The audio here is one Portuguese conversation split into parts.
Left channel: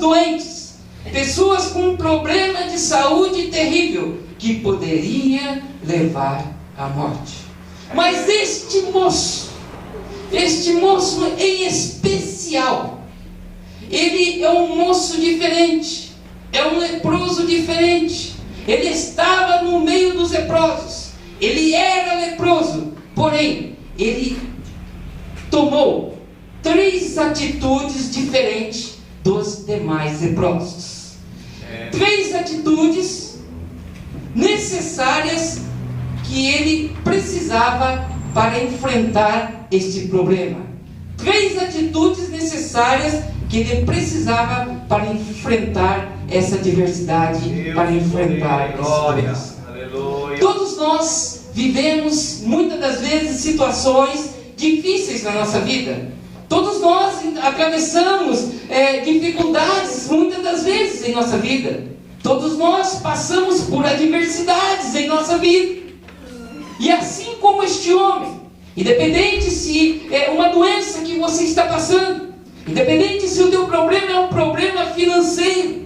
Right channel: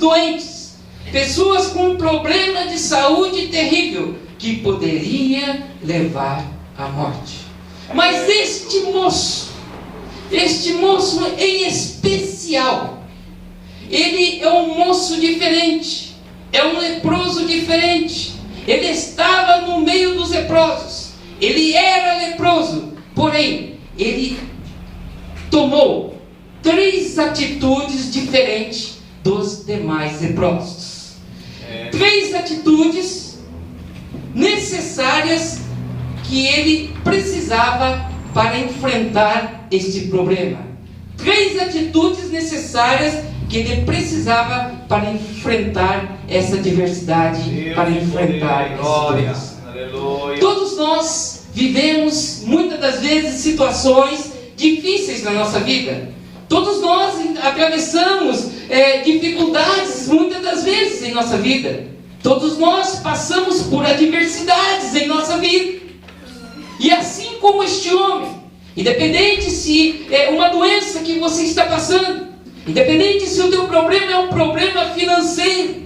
doentes, pessoas com um problema de saúde terrível, que poderia levar à morte. Mas este moço em especial, ele é um moço diferente, é um leproso diferente. Ele estava no meio dos leprosos, ele era leproso, porém, ele tomou 3 atitudes diferentes dos demais leprosos. 3 atitudes necessárias que ele precisava para enfrentar este problema. 3 atitudes necessárias que ele precisava para enfrentar essa diversidade, para enfrentar esse problema. Todos nós vivemos muitas das vezes situações difíceis na nossa vida. Todos nós atravessamos dificuldades muitas das vezes em nossa vida. Todos nós passamos por adversidades em nossa vida. E assim como este homem, independente se é uma doença que você está passando, independente se o teu problema é um problema financeiro,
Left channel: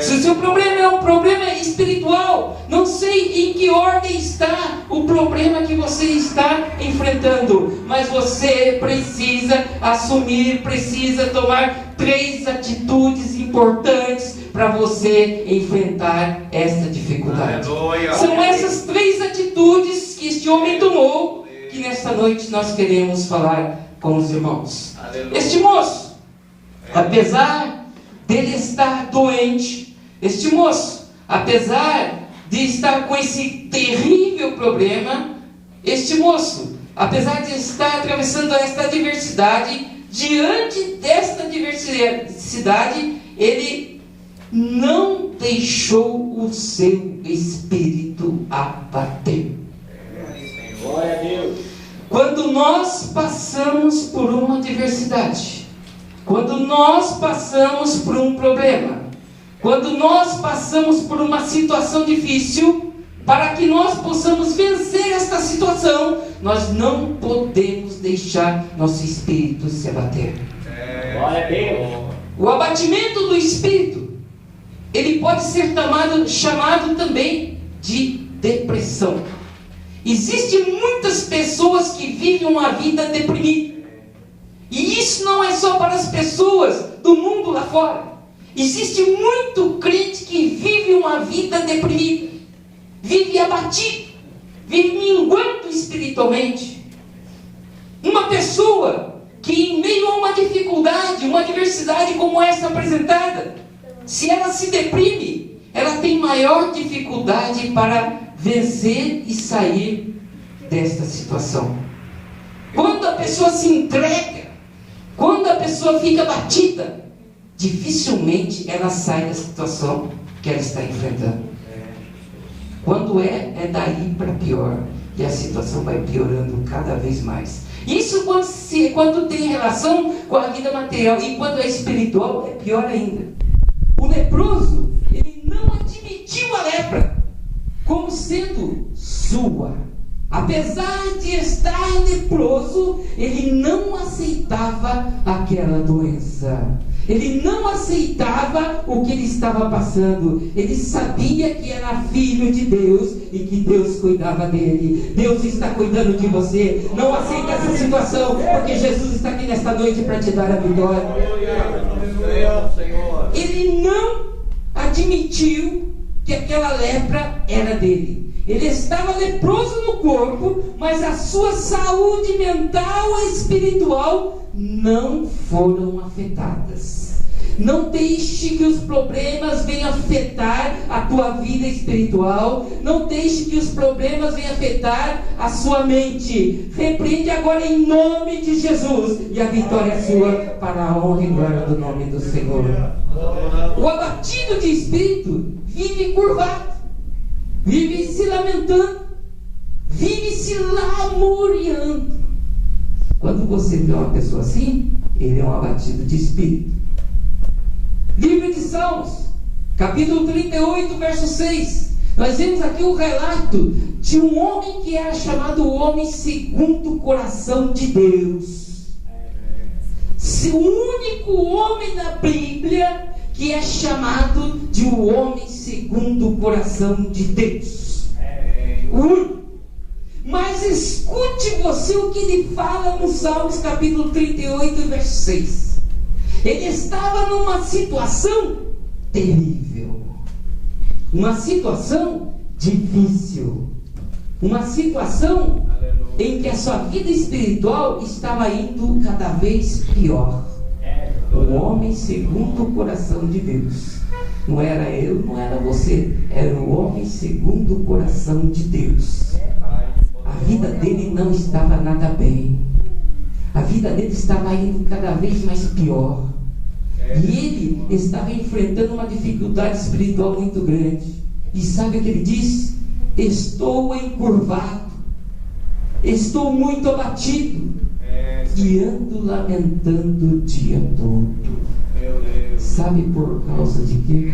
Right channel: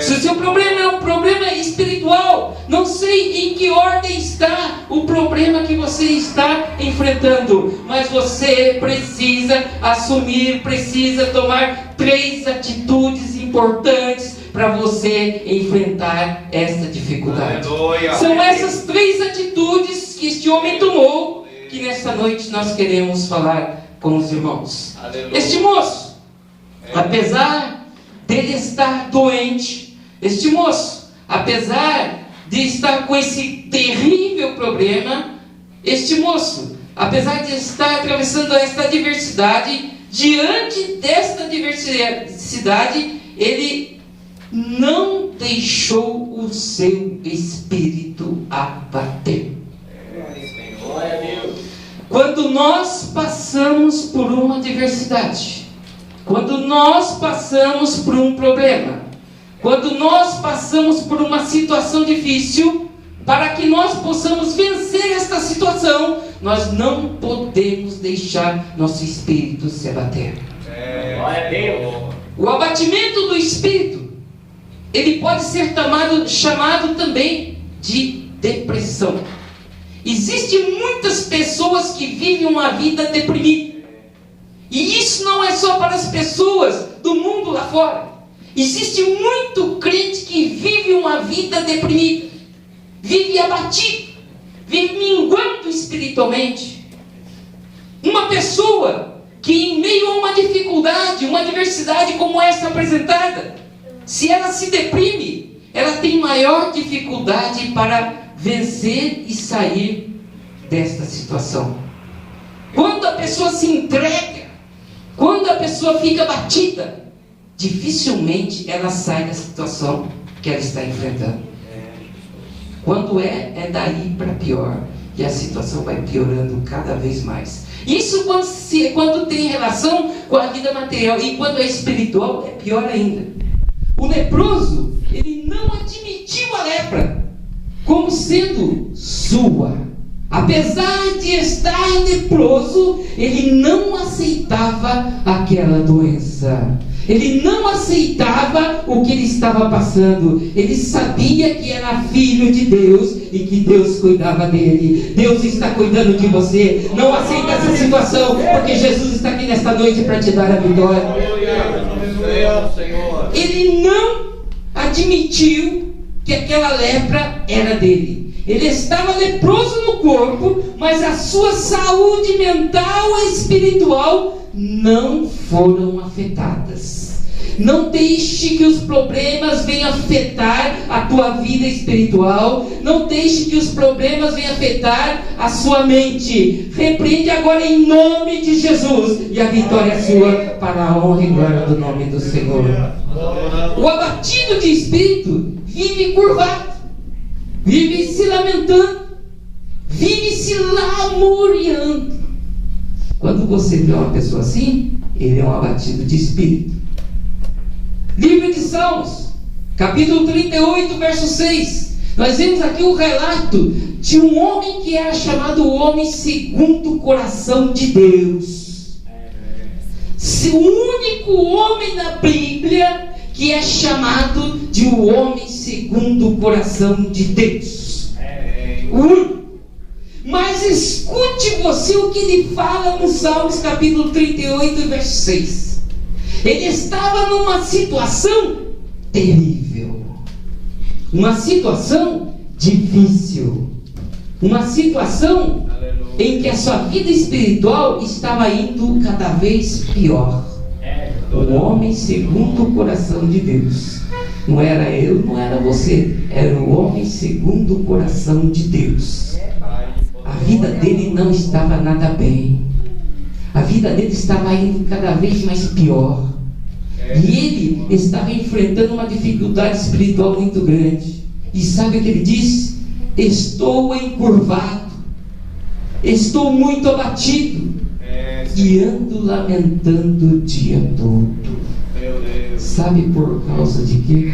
se o seu problema é um problema espiritual, não sei em que ordem está o problema que você está enfrentando, mas você precisa assumir, precisa tomar 3 atitudes importantes para você enfrentar essa dificuldade. Aleluia. São essas 3 atitudes que este homem tomou, que nesta noite nós queremos falar com os irmãos. Aleluia. Este moço, apesar dele estar doente, este moço, apesar de estar com esse terrível problema, este moço, apesar de estar atravessando esta adversidade, diante desta adversidade, ele não deixou o seu espírito abater. Glória a Deus. Quando nós passamos por uma adversidade, quando nós passamos por um problema, quando nós passamos por uma situação difícil, para que nós possamos vencer esta situação, nós não podemos deixar nosso espírito se abater. Glória a Deus. O abatimento do espírito, ele pode ser chamado também de depressão. Existem muitas pessoas que vivem uma vida deprimida. E isso não é só para as pessoas do mundo lá fora. Existe muito crente que vive uma vida deprimida, vive abatido, vive minguando espiritualmente. Uma pessoa que em meio a uma dificuldade, uma adversidade como essa apresentada, se ela se deprime, ela tem maior dificuldade para vencer e sair desta situação. Quando a pessoa se entrega, quando a pessoa fica abatida, dificilmente ela sai da situação que ela está enfrentando. Quando é daí para pior, e a situação vai piorando cada vez mais. Isso quando tem relação com a vida material, e quando é espiritual é pior ainda. O leproso, ele não admitiu a lepra como sendo sua. Apesar de estar leproso, ele não aceitava aquela doença. Ele não aceitava o que ele estava passando. Ele sabia que era filho de Deus e que Deus cuidava dele. Deus está cuidando de você. Não aceita essa situação, porque Jesus está aqui nesta noite para te dar a vitória. Ele não admitiu que aquela lepra era dele. Ele estava leproso no corpo, mas a sua saúde mental e espiritual não foram afetadas. Não deixe que os problemas venham afetar a tua vida espiritual. Não deixe que os problemas venham afetar a sua mente. Repreende agora em nome de Jesus, e a vitória é sua, para a honra e glória do nome do Senhor. O abatido de espírito vive curvado, vive se lamentando, vive se lamuriando. Quando você vê uma pessoa assim, ele é um abatido de espírito. Livro de Salmos, capítulo 38, verso 6. Nós vemos aqui o relato de um homem que era chamado o homem segundo o coração de Deus. O único homem na Bíblia que que é chamado de o homem segundo o coração de Deus. Mas escute você o que ele fala no Salmos capítulo 38, verso 6. Ele estava numa situação terrível, uma situação difícil, uma situação em que a sua vida espiritual estava indo cada vez pior. O homem segundo o coração de Deus. Não era eu, não era você, era o homem segundo o coração de Deus. A vida dele não estava nada bem. A vida dele estava indo cada vez mais pior. E ele estava enfrentando uma dificuldade espiritual muito grande. E sabe o que ele disse? Estou encurvado, estou muito abatido e ando lamentando o dia todo. Sabe por causa de quê?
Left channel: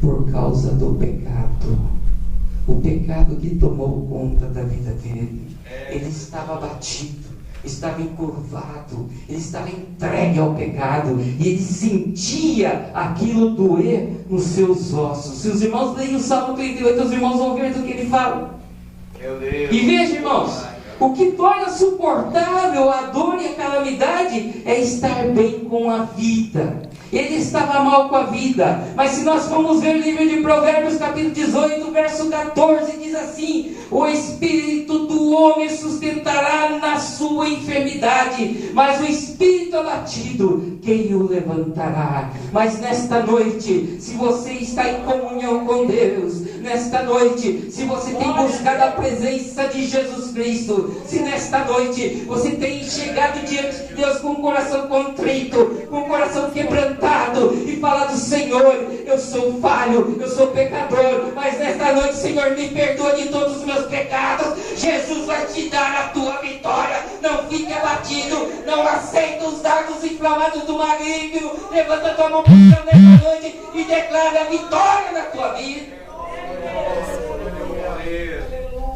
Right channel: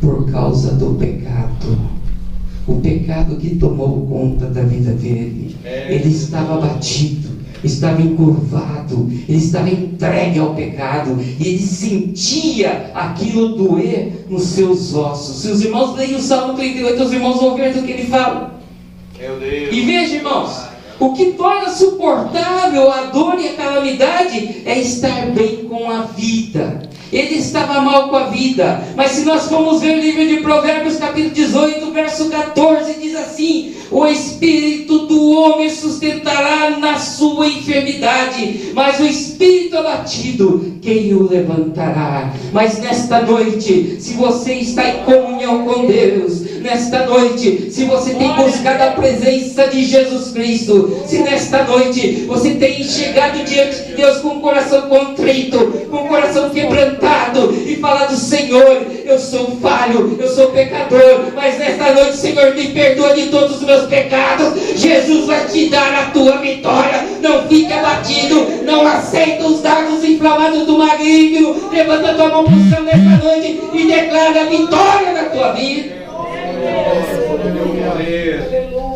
Por causa do pecado. O pecado que tomou conta da vida dele. Ele estava abatido, estava encurvado, ele estava entregue ao pecado, e ele sentia aquilo doer nos seus ossos. Se os irmãos leem o Salmo 38, os irmãos vão ver do que ele fala. Meu Deus. E veja, irmãos, o que torna suportável a dor e a calamidade é estar bem com a vida. Ele estava mal com a vida. Mas se nós formos ver o livro de Provérbios capítulo 18, verso 14, diz assim: o espírito do homem sustentará na sua enfermidade, mas o espírito abatido, quem o levantará? Mas nesta noite, se você está em comunhão com Deus, nesta noite, se você tem buscado a presença de Jesus Cristo, se nesta noite você tem chegado diante de Deus com o coração contrito, com o coração quebrantado, e falado: Senhor, eu sou falho, eu sou pecador, mas nesta noite, Senhor, me perdoa de todos os meus pecados. Jesus vai te dar a tua vitória. Não fique abatido, não aceita os dardos inflamados do maligno. Levanta a tua mão para o céu nesta noite e declara a vitória na tua vida.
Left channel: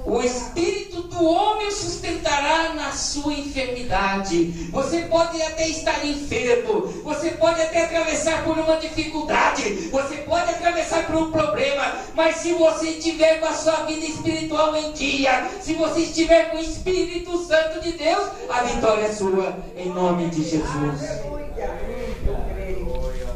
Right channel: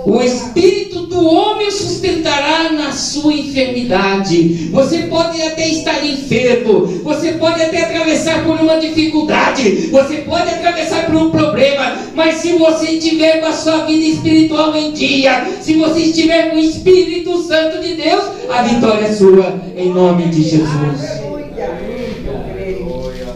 O espírito do homem o sustentará na sua enfermidade. Você pode até estar enfermo, você pode até atravessar por uma dificuldade, você pode atravessar por um problema, mas se você estiver com a sua vida espiritual em dia, se você estiver com o Espírito Santo de Deus, a vitória é sua, em nome de Jesus.